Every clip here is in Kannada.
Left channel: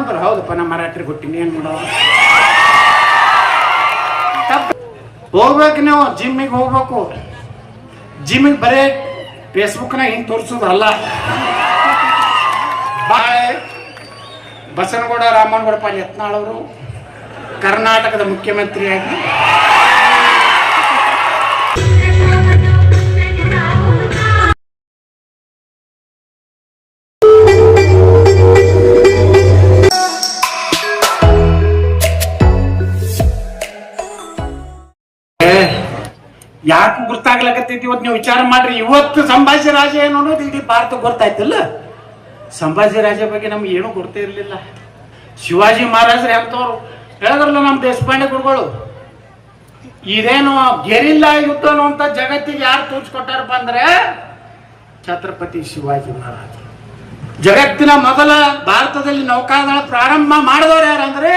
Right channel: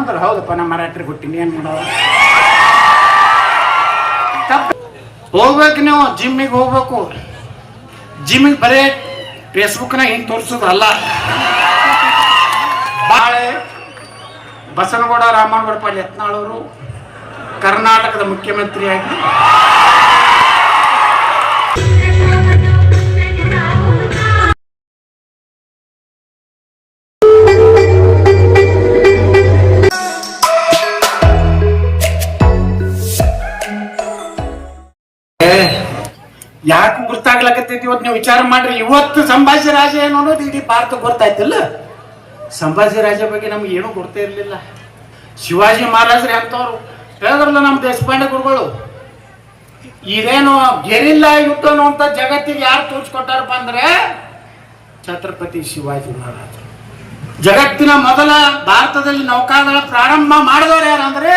ಅಂದ್ರೆ ಹೌದಪ್ಪ, ನಮ್ಮ ಮರಾಠರಿಗೆ ಹುಟ್ಟಿನಿ, ಏನು ಮಾಡೋ ಹೋಗ್ಬೇಕು ನೀವು, ಜಿಮ್ಮಿಗೆ ಹೋಗ್ಬೇಕು. ಜಿಮ್ಮಿಗೆ ಬರೇ ಫೇಸ್ಬುಕ್ನಾಗ ಹಿಂಗೆ ತೋರಿಸೋದು ಅಲ್ಲ ಬಾಳೆ, ಬಸನಗೌಡ ರಾಮನಗೌಡ ಪಾಲ್ ಯತ್ನಾಳವರು ಕರ್ನಾಟಕದ ಮುಖ್ಯಮಂತ್ರಿಯಾಗಿ ಯಾಕೆ ಗುರ್ತಾಗ್ಲಕತ್ತೈತಿ? ಇವತ್ತು ನೀವು ವಿಚಾರ ಮಾಡ್ರಿ. ಇವತ್ತು ಸಂಭಾಜಿ ರಾಜ ಏನು ಅನ್ನೋದು ಇಡೀ ಭಾರತ ಗೊತ್ತಾಯ್ತಲ್ಲ? ಸಂಭಾಜಿ ರಾಜ ಬಗ್ಗೆ ನಮ್ಗೆ ಏನೂ ಗೊತ್ತೇ ಇರಲಿಲ್ಲ. ಶಿವಾಜಿ ಮಹಾರಾಜ್ರೆ ಅಂತವ್ರು ಹೇಳಿದ್ರಲ್ಲ ನಮ್ಮ ದೇಶಪಾಂಡೆ ಗುರುಗಳು, ಇದೇನು ಗೆರಿಲ್ಲ ಯುದ್ಧ ಅನ್ನುವಂಥ ಜಗತ್ತಿಗೆ ಯಾರು ತೋರಿಸ್ಕೊಟ್ಟಾರಪ್ಪ ಅಂದ್ರೆ ಛತ್ರಪತಿ ಶಿವಾಜಿ ಮಹಾರಾಜ ಜಗತ್ತಿನ ಮೊದಲ ಭಾರತದಲ್ಲಿ ನೌಕಾದಳ ಪ್ರಾರಂಭ ಮಾಡಿದವರು ಯಾರು ಅಂದ್ರೆ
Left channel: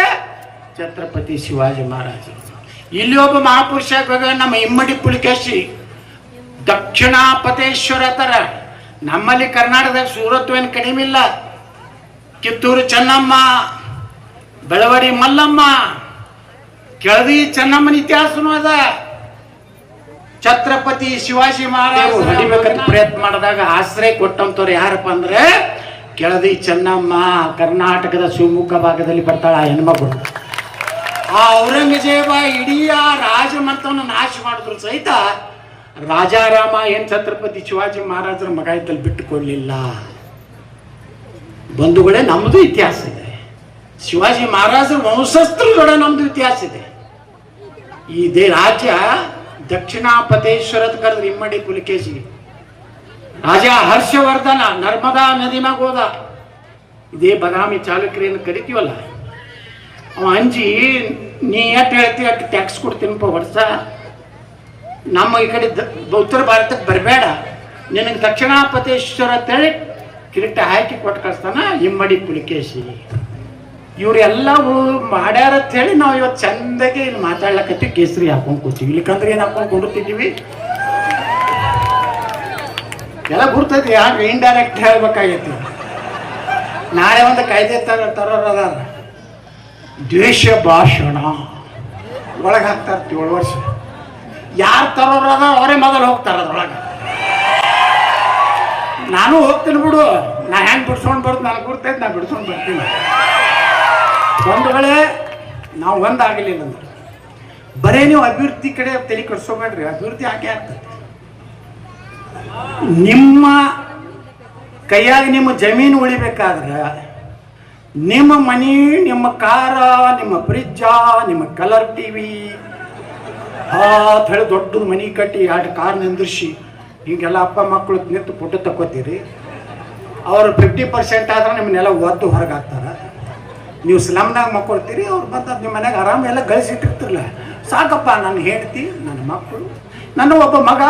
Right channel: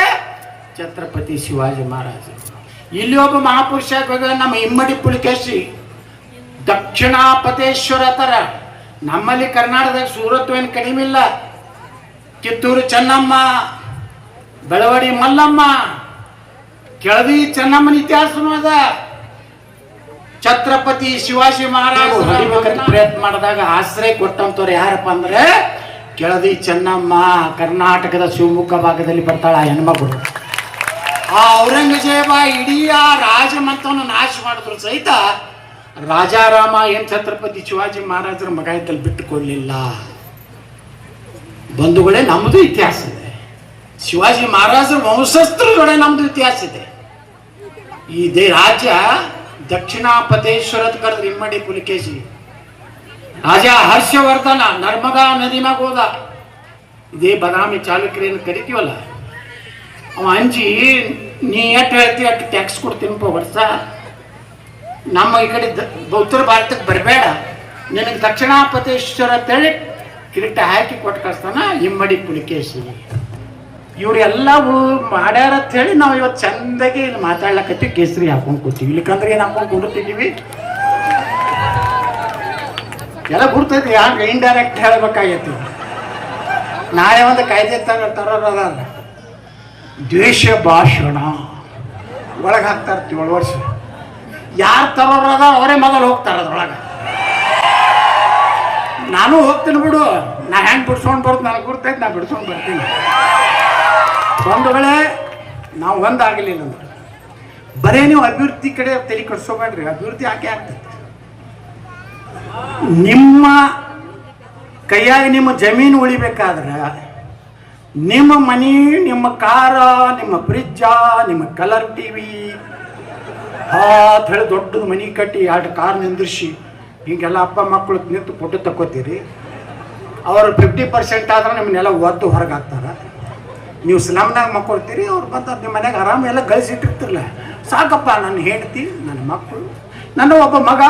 ಛತ್ರಪತಿ ಶಿವಾಜಿ ಮಹಾರಾಜರು. ಇಲ್ಲಿ ಒಬ್ಬ ಮಹಾಪುರುಷ ನಮ್ಮ ಇಮ್ಮಡಿ ಪುಲಿಕೇಶಿ ದಕ್ಷಿಣಾಪತೇಶ್ವರ ತರ ನಮ್ಮಲ್ಲಿ ಕರ್ನಾಟಕದಾಗ ಸೂರತ್ವ ಏನು ಕಡಿಮೆ ಇಲ್ಲ. ಕಿತ್ತೂರು ಚೆನ್ನಮ್ಮ ಬೆಳವಡಿ ಮಲ್ಲಮ್ಮ ಕೆಳದಿ ಚೆನ್ನಮ್ಮನ ಇತಿಹಾಸನೂ ಅದ. ಛತ್ರಪತಿ ಶಿವಾಜಿ ಮಹಾರಾಜ ಹೊಡಿಬೇಕಂತ ಪ್ರಯತ್ನ ಮಾಡಿದಾಗ ಆಶ್ರಯ ಕೊಟ್ಟಂತವ್ರು ಯಾರಪ್ಪ ಅಂದ್ರೆ ಕೆಳದಿ ಚೆನ್ನಮ್ಮ ಕರ್ನಾಟಕದ ಶಿವಮೊಗ್ಗ ಭಾಗದಲ್ಲಿ ಬರ್ತಾಳ ಹೆಣ್ಮಗಳು. ಆ ಔರಂಗಜೇಬ ಇಡೀ ಆ ರಾಜಮಂತವನ್ನು ನಾಶ ಮಾಡಿದ್ರು ಸಹಿತ ರಾಜಾರಾಮ ಏನ್ ಛತ್ರಪತಿ ಶಿವಾಜಿ ಮಹಾರಾಜರ ಮಗ ಇದ್ದಲ್ಲಿ ಬಿಟ್ಟುಕೊಳ್ಳಿಲ್ಲ ಬಂಧುಗಳೇ ನಮ್ಮದು ಇತಿಹಾಸ ಇದೆ. ಶಿವಾಜಿ ಮಹಾರಾಜರ ವಂಶಸ್ಥರುಗಳೇ ನಮ್ದು ಇತಿಹಾಸ ಇದೆ. ಈ ದೇ ರಾಜ್ಯ ದಕ್ಷಿಣಾಪತೇಶ್ವರದ ಕರೆದ್ರೆ ಇಮ್ಮಡಿ ಪುಲಿಕೇಶಿ. ರಾಜ ಹರ್ಷವರ್ಧನ ನರ್ಮದಾ ನದಿ ಮ್ಯಾಗ ಹೋದ. ಇದೇ ಬದಾಮಿ ಚಾಲುಕ್ಯರೇನು ಕರಿತೀವಲ್ಲ? ಅವ ಅಂಜಿ ನೀ ಎಷ್ಟು ಹೇಳ್ತಿ ಅಷ್ಟು ಟ್ಯಾಕ್ಸ್ ಕೊಡ್ತೀನಪ್ಪ ವರ್ಷ. ನಮ್ಮ ಈ ಕಡೆ ಉತ್ತರ ಭಾರತಕ್ಕೆ ಬರಬೇಡ. ನಿನಗೆ ದಕ್ಷಿಣಾಪತೇಶ್ವರ ತಳಿ ಕಿರೀಟ ಹಾಕಿ ಕೊಟ್ಟು ಕಳಿಸ್ತಾನ, ಇಮ್ಮಡಿ ಪುಲಿಕೇಶಿ. ಇವರೆಲ್ಲ ಮಾಡ್ಯಾರ ಅಂತ ಹೇಳಿ ನಾವು ಇವತ್ತು ಚಂದಾಗಿ ಇಲ್ಲಿ ಮಾತಾಡ್ಲಕತ್ತೀವಿ, ಕೇಸರಿ ಹಾಕೊಂಡು ಕೂತೀವಿ. ಇಲ್ಲಿಕಂದ್ರೆ ಏನು ಹಾಕೊಂಡು ಕುಂಡಿರ್ತಿದ್ದೀವಿ? ಎಲ್ಲ ಗುರ್ತೈತಿ ಯಾಕೆ ಇಂಡೈರೆಕ್ಟ್ ಹೇಳ್ಬೇಕಾಗೈತಿ. ನಾಳೆ ಒಂದು ಕಾಯ್ದೆ ತರ ತರೋರದ ದ್ವೇಷ ಭಾಷಣ ಒಳಗೆ ಹಾಕ್ತಾರೆ ಏಳು ವರ್ಷ. ಯಾರು ತರೋರದ ಅವರೇ ಮೊದಲು ಹೋಗ್ತಾರೆ ಅದ್ರೊಳಗೆ. ನಾನು ಹೋಗ್ತೀನಿ ಬಿಡು. ನಾ ಹೆಂಗೆ ಬಿಡ್ಸ್ಕೊಂಡು ಬರುತ್ತೆ ನನಗೆ ಗುರ್ತೈತೆ, ನಾ ಬಿಡ್ಸ್ಕೊಂಡು ಬರ್ತೀನಿ. ಒಂದು ವೇಳೆ ನಾವು ಒಂದಾಗಲಿಲ್ಲ ಅಂದ್ರೆ. ಬರೇ ನೀವು ಅಭಿವೃದ್ಧಿ ಕಡೆ ತಲೆ ಕಟ್ಸ್ಕೊಬೇಡ್ರಿ ಅಭಿವೃದ್ಧಿ ಯಾಕೆ ಆಗ್ತದೆ ನಿಮ್ಮ ಕೈಯಾಗಿ ನಿಮ್ಮ ಜಮೀನು ಉಳಿಬೇಕಾದ್ರೆ ನಿಮ್ಮ ಮನೆ, ನಿಮ್ಮ ಕಾರ, ನಿಮ್ಮ ಫ್ರಿಜ್ಜ, ನಿಮ್ಮ ಕಲರ್ ಟಿ ವಿ ಅಂತ ಹೇಳಿ ದೊಡ್ಡದು ಮನೆ ಕಟ್ಟಿ ಎರಡು ಕಾರ್ ನಿಂದ್ರಿಸಿ ಹೀಗೆಲ್ಲ ಅಪ್ಪ ಮಕ್ಕಳು ನಿಂತು ಫೋಟೋ ತಗೋತೀರಿ ಅವರು ಫಿಫ್ಟಿ ಪರ್ಸೆಂಟ್ ಆದ್ರೆ ನಿಮ್ಮನ್ನೆಲ್ಲ ಒತ್ತು ಹೊರಗೆ ಹಾಕ್ತಾರೆ. ನೀವು ಸ್ಲಮ್ನಾಗ ಮಕ್ಕೊಳ್ತೀರಿ, ಅವ್ರು ಬಂದು ನಿಮ್ಮ ಮನೆಗೆ ಆರಾಮ ಎಲ್ಲ ಗಳಿಸಿಟ್ಟಿರ್ತಿರಲ್ಲ ಸಾಕಪ್ಪ ನನ್ನ ಹೆಂಡ್ತಿ ನನ್ನ ಮಕ್ಕಳು ನನ್ನ ಒಬ್ಬ ಮಗ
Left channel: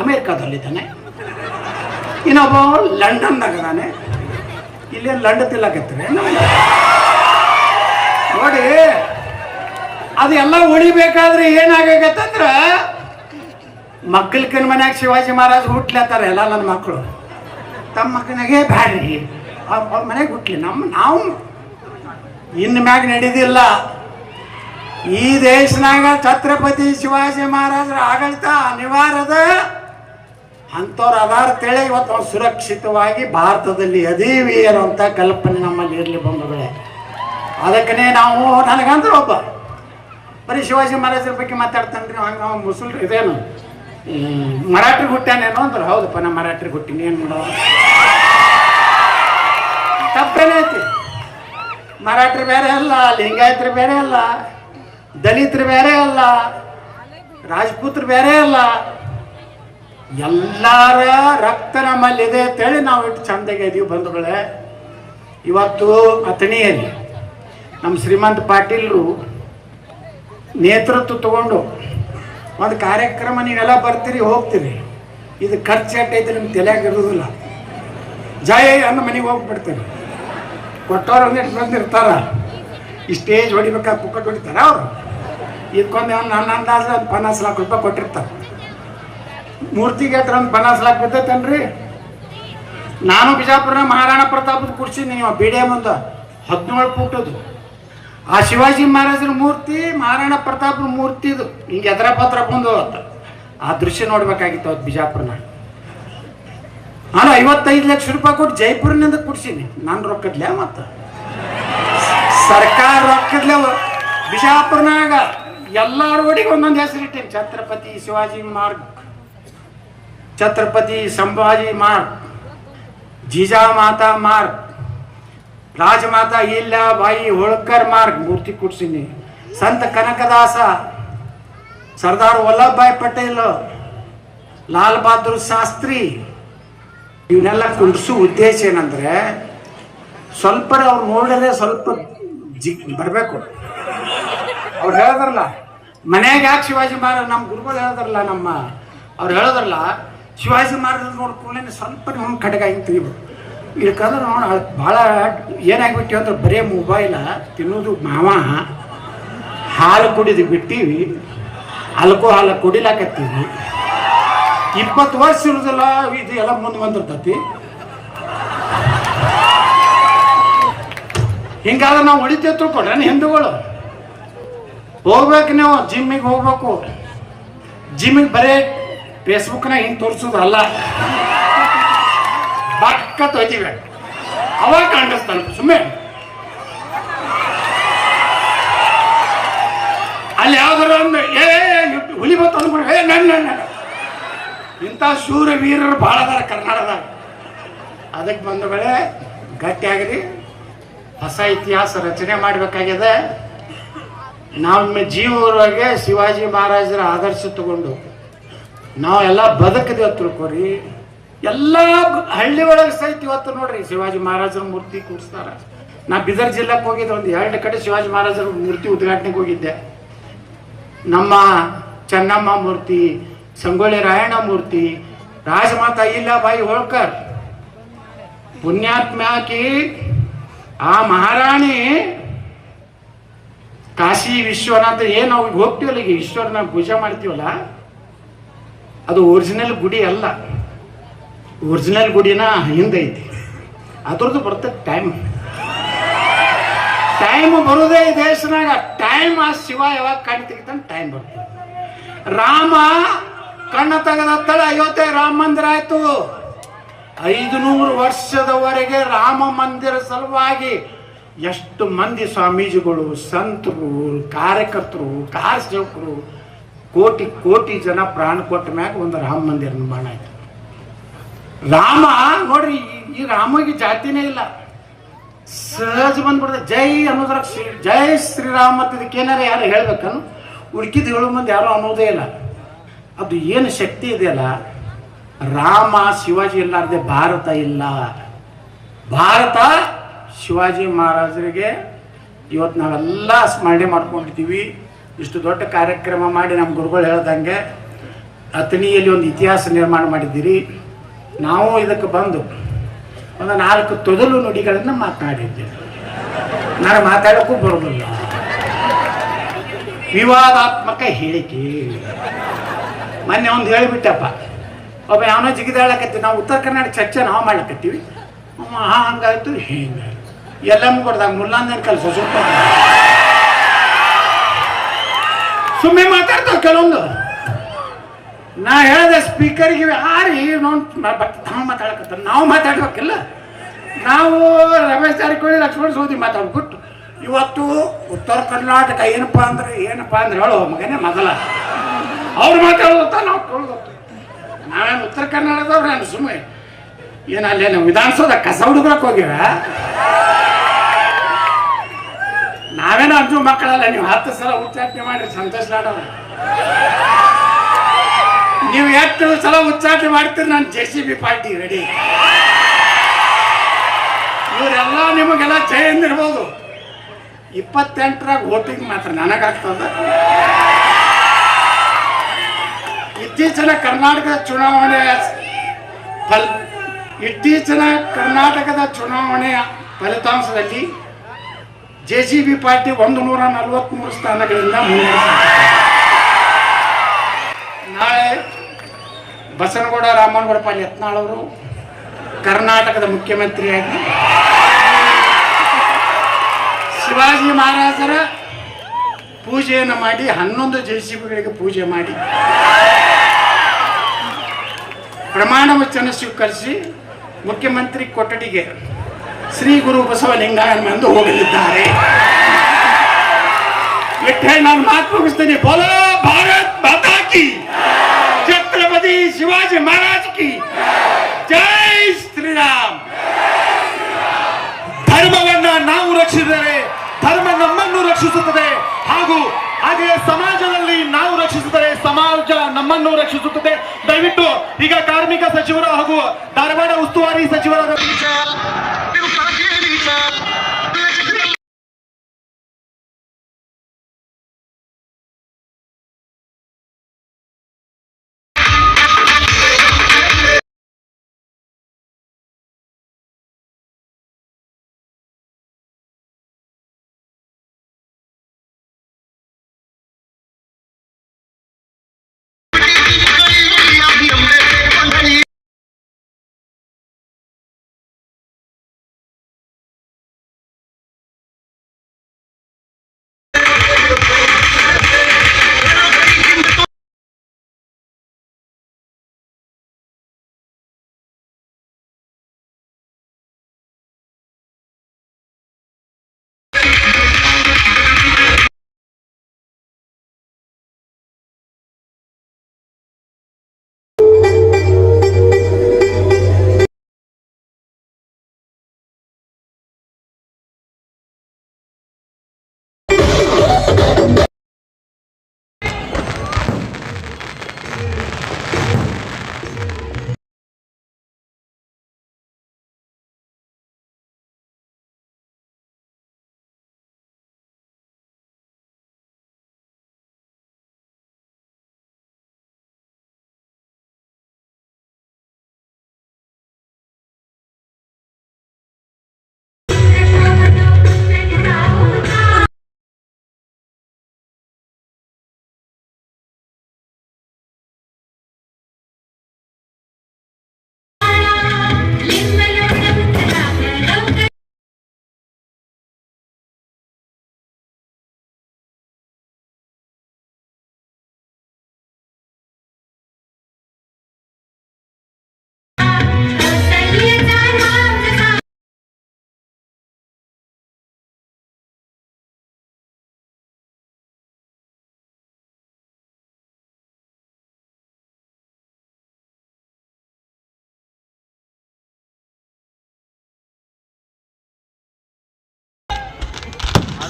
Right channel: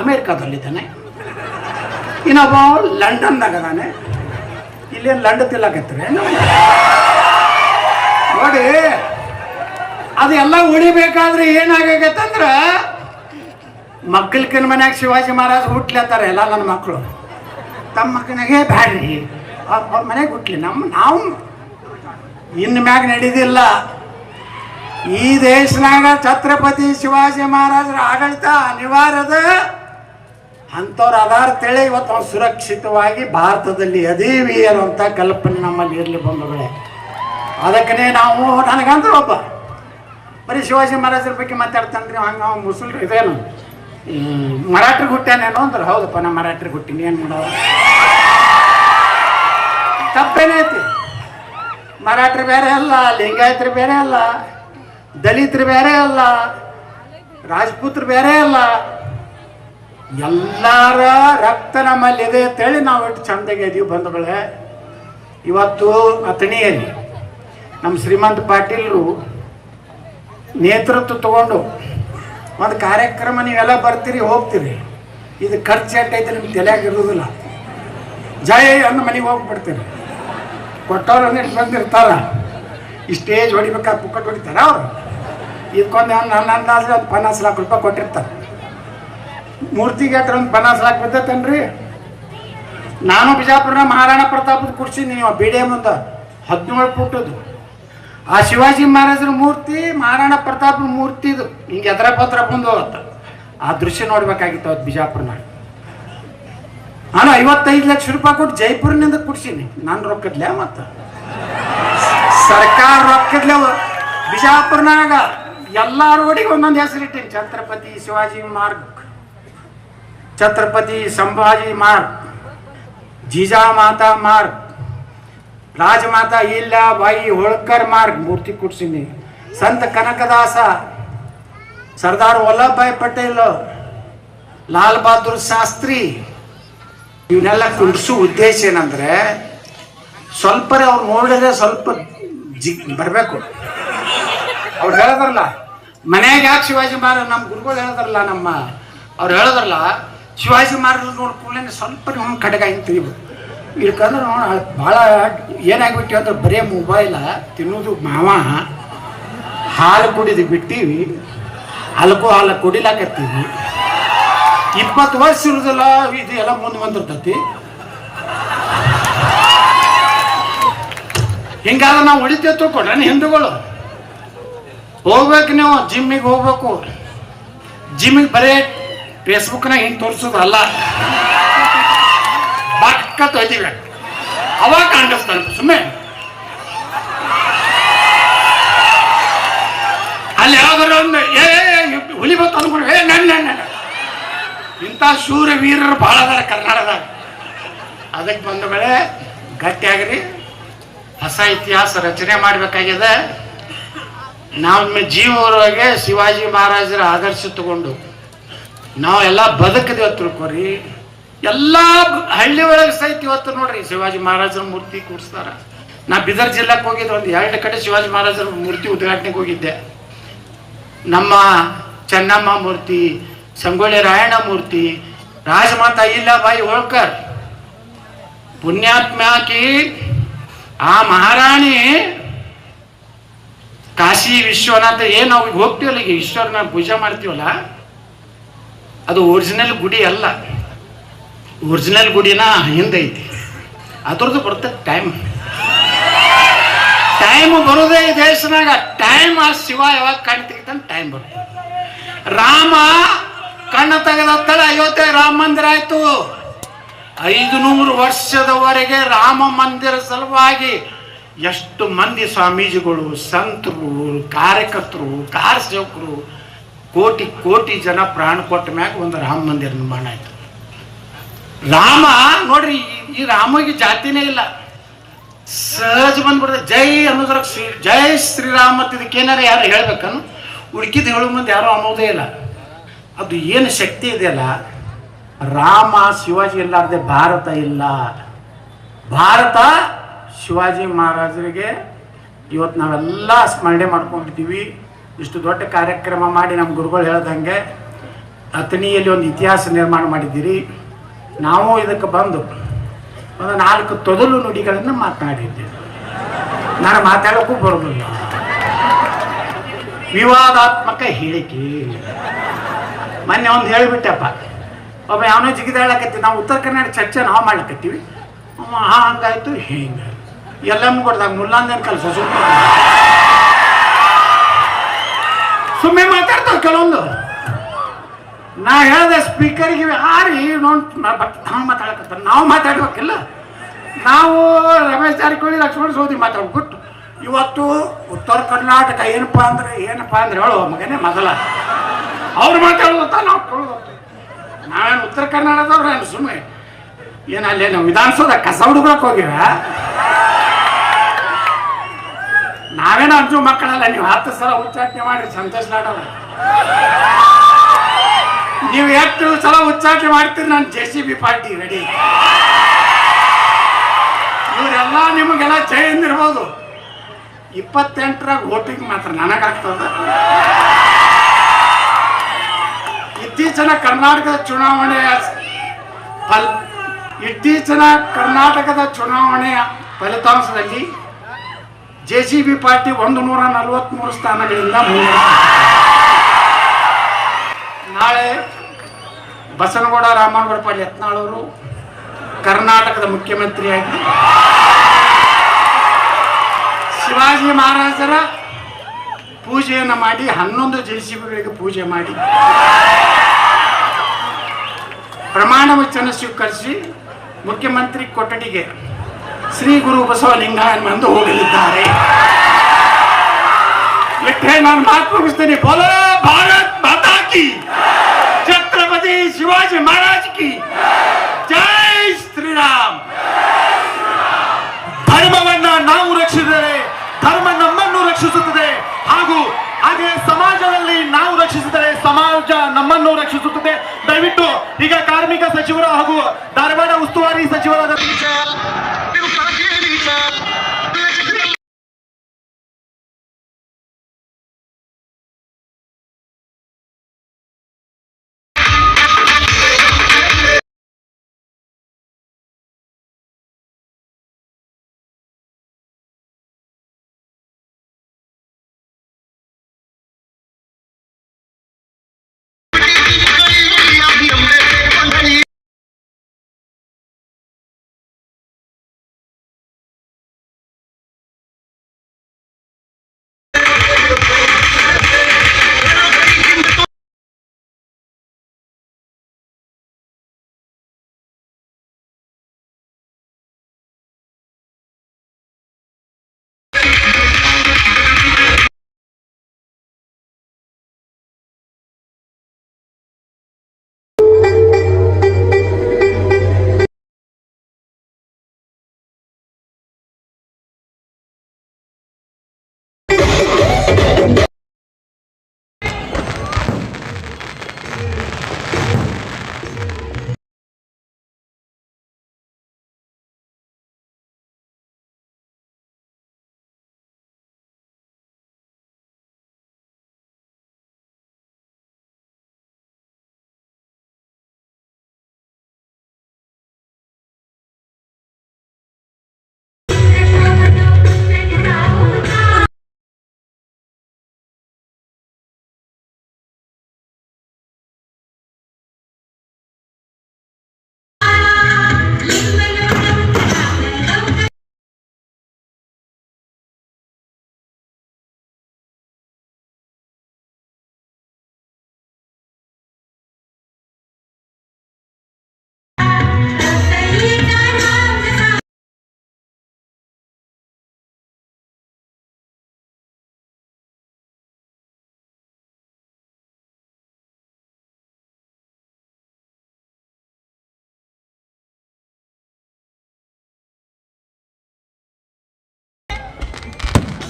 ಅಮೇರಿಕಾದಲ್ಲಿದ್ದಾನೆ. ಇನ್ನೊಬ್ಬ ಲಂಡನ್ನಾಗ ಅದಾನೆ ಇಲ್ಲೇನು ಲಂಡ ತಿಲ್ಲಕತ್ತಾರೆ ನೋಡಿ ಅದೆಲ್ಲ ಉಳಿಬೇಕಾದ್ರೆ ಏನಾಗತ್ತಂದ್ರ ಮಕ್ಕಳಕ್ಕಿನ ಮನ್ಯಾಗ ಶಿವಾಜಿ ಮಹಾರಾಜ್ ಹುಟ್ಲತ್ತಾರ ಎಲ್ಲ ನನ್ನ ಮಕ್ಕಳು. ತಮ್ಮ ಮಕ್ಕಳಿಗೆ ಬ್ಯಾಡ್ರಿ. ಮನೆಗೆ ಹುಟ್ಲಿ. ನಮ್ಮ ನಾವು ಇನ್ನು ಮ್ಯಾಗ ನಡೀದಿಲ್ಲ. ಈ ದೇಶನಾಗ ಛತ್ರಪತಿ ಶಿವಾಜಿ ಮಹಾರಾಜರ ಆಡಳಿತ ಅನಿವಾರ್ಯದ. ಅಂಥವ್ರು ಅದಾರ ತಿಳಿ ಇವತ್ತು ನಾವು ಸುರಕ್ಷಿತವಾಗಿ ಭಾರತದಲ್ಲಿ ಅದೀವಿ ಅನ್ನುವಂಥ ಕಲ್ಪನೆ ನಮ್ಮಲ್ಲಿ ಇರಲಿ ಬಂಧುಗಳೇ. ಅದಕ್ಕನೇ ನಾವು ನನಗಂದ್ರೆ ಒಬ್ಬ. ಬರೀ ಶಿವಾಜಿ ಮಹಾರಾಜರ ಬಗ್ಗೆ ಮಾತಾಡ್ತಾನೆ ರೀ ಹಂಗೆ ಅವ್ನು ಮುಸಲ್ರು ಇದೇನು? ಈ ಮರಾಠರಿಗೆ ಹುಟ್ಟ್ಯಾನೇನೋ ಅಂದ್ರೆ. ಹೌದಪ್ಪ, ನಾ ಮರಾಠರಿಗೆ ಹುಟ್ಟಿನಿ, ಏನು ಮಾಡೋ ತಪ್ಪೇನೈತಿ ಮರಾಠರು ಬೇರೆ ಅಲ್ಲ, ಲಿಂಗಾಯತರು ಬೇರೆ ಅಲ್ಲ, ದಲಿತರು ಬೇರೆ ಅಲ್ಲ, ರಾಜಪೂತ್ರ ಬೇರೆ ಅಲ್ಲ. ಎಲ್ಲರ ರಕ್ತ ನಮ್ಮಲ್ಲಿದೆ ಅಂತೇಳಿ ನಾವು ಇಟ್ಟು ಚಂದಗೆ ಇದೀವಿ ಬಂಧುಗಳೇ. ಇವತ್ತು ಅಥಣಿಯಲ್ಲಿ ನಮ್ಮ ಶ್ರೀಮಂತ ಪಾಟೀಲರು ನೇತೃತ್ವ ತಗೊಂಡು ಒಂದು ಕಾರ್ಯಕ್ರಮ ನೀವೆಲ್ಲ ಬರ್ತೀರಿ, ಹೋಗ್ತೀರಿ. ಇದು ಖರ್ಚು ಎಟ್ಟೈತೆ ನಿಮ್ಗೆ ತಲೆಯಾಗ ಇರೋದಿಲ್ಲ. ಜಯ ಅಂದ ಮನೆಗೆ ಹೋಗ್ಬಿಡ್ತೀರಿ ಕೊಟ್ಟವ್ರು ಒಂದಿಟ್ಟು ಬಂದಿರ್ತಾರ. ಈ ಸ್ಟೇಜ್ ಹೊಡಿಬೇಕಾದ ಪುಕ್ಕಟ್ ಹೊಡಿತಾರ ಅವರು? ಇದಕ್ಕೊಂದು ನನ್ನ ಅಂದಾಜು ಒಂದು ಪನ್ನಾಸ್ ಲಾಖ ರೂಪಾಯಿ ಕೊಟ್ಟಿರ್ತಾರೆ. ಮೂರ್ತಿಗೆ ಒಂದು ಪನ್ನಾಸ್ ಬಿದ್ದೈತೇನ್ರಿ ನಾನು ಬಿಜಾಪುರನ ಮಹಾರಾಣಾ ಪ್ರತಾಪದ ಕುರ್ಸಿ ನೀವು ಬಿ ಡಿ ಹದಿನೇಳು ಫುಟದು ಆ ಶಿವಾಜಿ ಮಹಾರಾಜರ ಮೂರ್ತಿ, ಮಹಾರಾಣಾ ಪ್ರತಾಪನ ಮೂರ್ತಿ ಇದು. ಹಿಂಗೆ ಎದ್ರ ಪತ್ರ ಬಂದು ಹೋಗುತ್ತೆ. ಆ ದೃಶ್ಯ ನೋಡ್ಬೇಕಾಗಿತ್ತು ಅವತ್ತು ಬಿಜಾಪುರನ. ನಾನು ಐವತ್ತೈದು ಲಕ್ಷ ರೂಪಾಯಿ ಕೊಟ್ಟು ಜೈಪುರ್ನಿಂದ ಕುಡ್ಸೀನಿ. ನಾನು ರೊಕ್ಕದ್ಲೆ ಮತ್ತು? ಸರ್ಕಾರ ರೊಕ್ಕದ್ಲೆ ಬಿಜಾಪುರ್ನಾಗ ಎಲ್ಲ ರೋಡಿಗೆ ಒಂದೊಂದು ಹೆಸರಿಟ್ಟೀನಿ. ಛತ್ರಪತಿ ಶಿವಾಜಿ ಮಾರ್ಗ್. ಛತ್ರಪತಿ ಸಂಭಾಜಿ ಮಾರ್ಗ್ ಜಿಜಾಮಾತಾ ಮಾರ್ಗ್ ರಾಜಮಾತಾ ಬಾಯಿ ಹೋಳ್ಕರ್ ಮಾರ್ಗ್ ಮೂರ್ತಿ ಕೊಡ್ಸೀನಿ. ಸಂತ ಕನಕದಾಸ, ಸರ್ದಾರ್ ವಲ್ಲಭಭಾಯ್ ಪಟೇಲ್, ಲಾಲ್ ಬಹದ್ದೂರ್ ಶಾಸ್ತ್ರಿ ಇವನ್ನೆಲ್ಲ ಕುಂಡ್ಸೋ ಉದ್ದೇಶ ಏನಂದ್ರೆ ಸ್ವಲ್ಪ ಅವ್ರು ನೋಡಿದ್ರೆ ಸ್ವಲ್ಪ ಜಿ ಬರಬೇಕು. ಅವ್ರು ಹೇಳಿದ್ರಲ್ಲ ಮನೆಗೆ ಯಾಕೆ ಶಿವಾಜಿ ಮಹಾರಾಜ್ ನಮ್ಮ ಗುರುಗಳು ಹೇಳಿದ್ರಲ್ಲ ನಮ್ಮ, ಅವ್ರು ಹೇಳಿದ್ರಲ್ಲ ಶಿವಾಜಿ ಮಾರ್ಗದಲ್ಲಿ ನೋಡ, ಕೂಡಲೇ ಸ್ವಲ್ಪ ನಿಮ್ಮ ಕಡೆಗೆ ಹಿಂಗೆ ತೆಗಿಬೇಕು. ಇದಕ್ಕಂದ್ರೆ ನೋಡಿ ಭಾಳ ಏನಾಗ್ಬಿಟ್ಟಿವಿ ಅಂದ್ರೆ ಬರೇ ಮೊಬೈಲ ತಿನ್ನೋದು ಮಾವ. ಹಾಲು ಕುಡಿದು ಬಿಟ್ಟೀವಿ. ಅಲ್ಕೋ ಹಾಲು ಕುಡಿಲಾಕತ್ತೀವಿ. ಇಪ್ಪತ್ತು ವರ್ಷ ಇರುದಿಲ್ಲ ಇದು ಎಲ್ಲ ಮುಂದೆ ಬಂದಿರ್ತತಿ. ಹಿಂಗಾದ್ರೆ ನಾವು ಹೊಡಿತೇವೆ ತಿಳ್ಕೊಂಡ್ರೆ ಹಿಂದೂಗಳು. ಹೋಗ್ಬೇಕು ನೀವು, ಜಿಮ್ಮಿಗೆ ಹೋಗ್ಬೇಕು. ಜಿಮ್ಮಿಗೆ ಬರೇ ಫೇಸ್ಬುಕ್ನಾಗ ಹಿಂಗೆ ತೋರಿಸೋದಲ್ಲ? ಪಕ್ಕ ತೊಯ್ತೀವಿ. ಅವಾಗ ಕಾಣಿಸ್ತಾನೆ ಸುಮ್ಮನೆ ಅಲ್ಲಿ ಯಾವ್ದಾರ ಒಂದು, ಏ ಹುಲಿ ಬಂತು ಅನ್ಕೊಂಡು ಏ ನನ್ನ ಇಂಥ ಶೂರ ವೀರರು ಭಾಳ ಅದಾರ ಕರ್ನಾಟಕದಾಗ. ಅದಕ್ಕೆ ಬಂದ ವೇಳೆ ಗಟ್ಟಿಯಾಗ್ರಿ. ಹೊಸ ಇತಿಹಾಸ ರಚನೆ ಮಾಡಬೇಕಾಗಿದೆ. ನಮ್ಮ ಜೀವರೊಳಗೆ ಶಿವಾಜಿ ಮಹಾರಾಜರ ಆದರ್ಶ ತಗೊಂಡು ನಾವೆಲ್ಲ ಬದುಕದೇವ ತಿಳ್ಕೊರಿ. ಎಲ್ಲ ಹಳ್ಳಿ ಒಳಗೆ ಸಹಿತ ಇವತ್ತು ನೋಡ್ರಿ ಶಿವಾಜಿ ಮಹಾರಾಜರ ಮೂರ್ತಿ ಕೂಡಿಸ್ತಾರ ನಾ ಬೀದರ್ ಜಿಲ್ಲಾಕ್ ಹೋಗಿದ್ದೆ, ಒಂದು ಎರಡು ಕಡೆ ಶಿವಾಜಿ ಮಹಾರಾಜರ ಮೂರ್ತಿ ಉದ್ಘಾಟನೆಗೆ ಹೋಗಿದ್ದೆ. ನಮ್ಮ ಚೆನ್ನಮ್ಮ ಮೂರ್ತಿ, ಸಂಗೊಳ್ಳಿ ರಾಯಣ್ಣ ಮೂರ್ತಿ, ರಾಜಮಾತಾ ಇಲ್ಲಾಬಾಯಿ ಹೋಳ್ಕರ್ ಪುಣ್ಯಾತ್ಮಾಕಿ ಆ ಮಹಾರಾಣಿ ಕಾಶಿ ವಿಶ್ವನಾಥ ಏನು ಅವ್ರಿಗೆ ಹೋಗ್ತೀವಲ್ಲ ಈಗ ಈಶ್ವರನ ಪೂಜೆ ಮಾಡ್ತೀವಲ್ಲ ಅದು ಒರಿಜಿನಲ್ ಗುಡಿ ಅಲ್ಲ. ಒರಿಜಿನಲ್ ಗುಡಿನ ಹಿಂದೈತಿ ಅದ್ರದ್ದು ಬರ್ತದೆ ಟೈಮ್ ಟೈಮ್ ಬರೋದೇ ಈ ದೇಶನಾಗ. ಟೈಮ್ ಆ ಶಿವ ಯಾವಾಗ ಕಣ್ಣು ತೆಗಿತಾನೆ ಟೈಮ್ ಬರ್ತದೆ ರಾಮ ಕಣ್ಣ ತೆಗೆದತ್ತಳ ಅಯೋಧ್ಯೆ ರಾಮ ಮಂದಿರ ಆಯ್ತು. ಐದು ನೂರು ವರ್ಷದವರೆಗೆ ರಾಮ ಮಂದಿರ ಸಲುವಾಗಿ ಎಷ್ಟು ಮಂದಿ ಸ್ವಾಮೀಜಿಗಳು, ಸಂತರು, ಕಾರ್ಯಕರ್ತರು ಕಾರ್ ಸೇವಕರು ಕೋಟಿ ಕೋಟಿ ಜನ ಪ್ರಾಣ ಕೊಟ್ಟ ಮ್ಯಾಗ ಒಂದು ರಾಮ ಮಂದಿರ ನಿರ್ಮಾಣ ಆಯ್ತು. ರಾಮ, ನೋಡ್ರಿ, ಈ- ರಾಮಗೆ ಜಾತಿನೇ ಇಲ್ಲ. ಸಹಜ ಬಂದ್ಬಿಡ್ತದೆ. ಜೈ ಅನ್ನೋದ್ರ ಶ್ರೀ, ಜೈ ಶ್ರೀರಾಮ ಅಂತ ಇದಕ್ಕೇನಾರ ಯಾರು ಹೇಳ್ಬೇಕನ್ನು ಹುಡುಕಿದ ಹೇಳು ಮುಂದೆ ಯಾರು ಅನ್ನೋದೇ ಇಲ್ಲ. ಅದು ಏನು ಶಕ್ತಿ ಇದೆಯಲ್ಲ? ರಾಮ, ಶಿವಾಜಿ ಇಲ್ಲಾರ್ದೆ ಭಾರತ ಇಲ್ಲ. ಭಾರತ ಶಿವಾಜಿ ಮಹಾರಾಜರಿಗೆ ಇವತ್ತು ನಾವೆಲ್ಲ ಸ್ಮರಣೆ ಮಾಡ್ಕೊಂಡಿದ್ದೀವಿ. ಇಷ್ಟು ದೊಡ್ಡ ಕಾರ್ಯಕ್ರಮ ಮಾಡಿ ನಮ್ಮ ಗುರುಗಳು ಹೇಳ್ದಂಗೆ ಅಥಣಿಯಲ್ಲಿ ಒಂದು ಇತಿಹಾಸ ನಿರ್ಮಾಣ ಮಾಡಿದ್ದೀರಿ. ನಾವು ಇದಕ್ಕೆ ಬಂದು ಒಂದು ನಾಲ್ಕು ತೊದಲು ನುಡಿಗಳನ್ನು ಮಾತನಾಡಿದ್ದೆ. ನಾನು ಮಾತಾಡೋಕ್ಕೂ ಬರೋದಿಲ್ಲ. ವಿವಾದಾತ್ಮಕ ಹೇಳಿಕೆ. ಮೊನ್ನೆ ಒಂದು ಹೇಳಿಬಿಟ್ಟಪ್ಪ, ಒಬ್ಬ ಯಾವನೋ ಜಿಗಿದಾಳಕತ್ತಿ ನಾವು ಉತ್ತರ ಕನ್ನಡ ಚರ್ಚೆ ನಾವು ಮಾಡ್ಲಕತ್ತೀವಿ. ಹಾಂ, ಹಂಗಾಯ್ತು ಹಿಂಗಾಯ್ತು. ಎಲ್ಲಮ್ಮ ಕೊಡ್ದಾಗ ಮುಲ್ಲಾಂದನ್ ಕಲ್ಸ ಸುಮ್ಮನೆ ಸುಮ್ಮನೆ ಮಾತಾಡ್ತಾವ ಕೆಲವೊಂದು. ನಾ ಹೇಳ್ದೆ ಸ್ಪೀಕರ್ಗೆ ಆರಿ ನೋಡ್ ಬಟ್ ನಾವು ಮಾತಾಡಕತ್ತ ನಾವು ಮಾತಾಡ್ಬೇಕಿಲ್ಲ. ನಾವು ರಮೇಶ್ ಜಾರಕಿಹೊಳಿ, ಲಕ್ಷ್ಮಣ ಸೋದಿ ಮಾತಾಡ್ಬಿಟ್ಟು ಇವತ್ತು ಉತ್ತರ ಕರ್ನಾಟಕ ಏನಪ್ಪ ಅಂದ್ರೆ ಏನಪ್ಪ ಅಂದ್ರೆ ಹೇಳೋ ಮಗನೇ ಮೊದಲ. ಅವ್ರು ಮಾತಾಡೋದಂತ ನಾವು ಕೇಳೋದಂತ. ನಾವೇನು ಉತ್ತರ ಕರ್ನಾಟಕದವ್ರು ಏನು ಸುಮ್ಮನೆ ಏನು ಅಲ್ಲೇನು ವಿಧಾನಸೌಧ ಕಸ ಹುಡುಗಕ್ಕೆ ಹೋಗಿವ? ನಾವೇನೋ ಅಂಜು ಮಕ್ಕಳಲ್ಲ, ನೀವು ಹತ್ತು ಸಲ ಉಚ್ಚಾಟನೆ ಮಾಡಿ ಸಂತೋಷ ನಾಡವ ನೀವು ಎಷ್ಟು ಸಲ ಉಚ್ಚಾಟನೆ ಮಾಡ್ತೀರಿ, ನಾನು J C B party ready ಇವರೆಲ್ಲ ನಿಮಗೆಲ್ಲ ಎಂದಿರ್ಬೋದು ಇಪ್ಪತ್ತೆಂಟರಾಗ ವೋಟಿಂಗ್ ಮಾತ್ರ ನನಗಾಗ್ತದ. ಇತ್ತೀಚಿನ ಕರ್ನಾಟಕದ ಚುನಾವಣೆ ಫಲ್ ಇತ್ತೀಚಿನ ಕರ್ನಾಟಕದ ಚುನಾವಣೆಯ ಫಲಿತಾಂಶದಲ್ಲಿ ಜೆ ಸಿ ಬಿ ಪಾರ್ಟಿ ಒಂದು ನೂರ ನಲವತ್ತ್ಮೂರು ಸ್ಥಾನಗಳಿಂದ ನಾಳೆ ಬಸನಗೌಡ, ರಾಮನಗೌಡ ಪಾಲ್ ಯತ್ನಾಳ್ ಅವರು ಕರ್ನಾಟಕದ ಮುಖ್ಯಮಂತ್ರಿಯಾಗಿ ಶಿವಾಜಿ ಮಹಾರಾಜರ ಪೂಜೆಯನ್ನು ಮಾಡಿ ಹನ್ನೊಂದು ಜೆ ಸಿ ಬಿಗಳಿಗೆ ಪೂಜೆ ಮಾಡಿ ಪ್ರಮಾಣ ವಚನ ಸ್ವೀಕರಿಸಿ ಮುಖ್ಯಮಂತ್ರಿ ಕೊಠಡಿಗೆ ಶ್ರೀ ಗುರು ಬಸವಲಿಂಗಾಯನ್ ಎಂದು ಹೋಗಲಿದ್ದಾರೆ. ನಾನು ಮಾತು ಮುಗಿಸ್ತೇನೆ. ಬೋಲೋ ಭಾರತ್ ಮಾತಾ ಕಿ ಛತ್ರಪತಿ ಶಿವಾಜಿ ಮಹಾರಾಜ್ ಕಿ ಜೈ. ಶ್ರೀರಾಮ್. ಧರ್ಮವನ್ನ ನಾವು ರಕ್ಷಿಸಿದರೆ, ಧರ್ಮ ನಮ್ಮನ್ನು ರಕ್ಷಿಸುತ್ತದೆ ಹಾಗೂ ಹಾಗೆಯೇ ಸಮಾಜದಲ್ಲಿ ನಾವು ರಕ್ಷಿಸಿದರೆ ಸಮಾಜ ನಮ್ಮನ್ನು ರಕ್ಷಿಸುತ್ತದೆ. ದಯವಿಟ್ಟು ಈಗ ಕಾರ್ಮಿಕ ಸಚಿವರು ಹಾಗೂ ಧಾರವಾಡ ಉಸ್ತುವಾರಿ ಸಚಿವರಾದ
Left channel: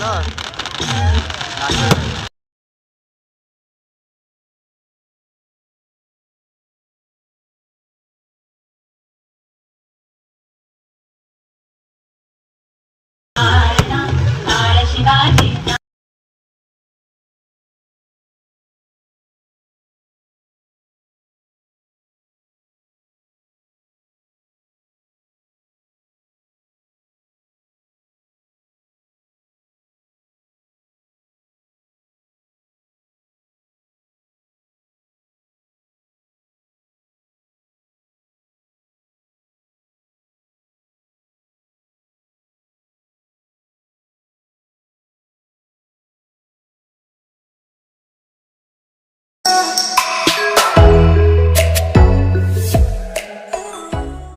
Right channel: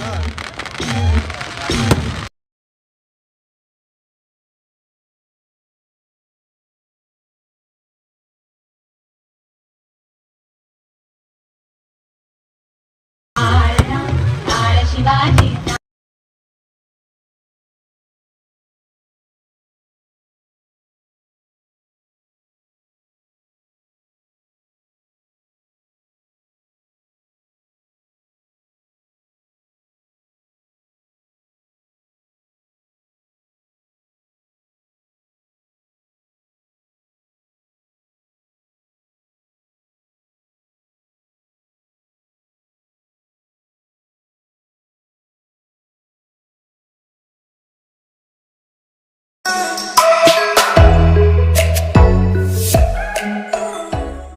안녕하 세.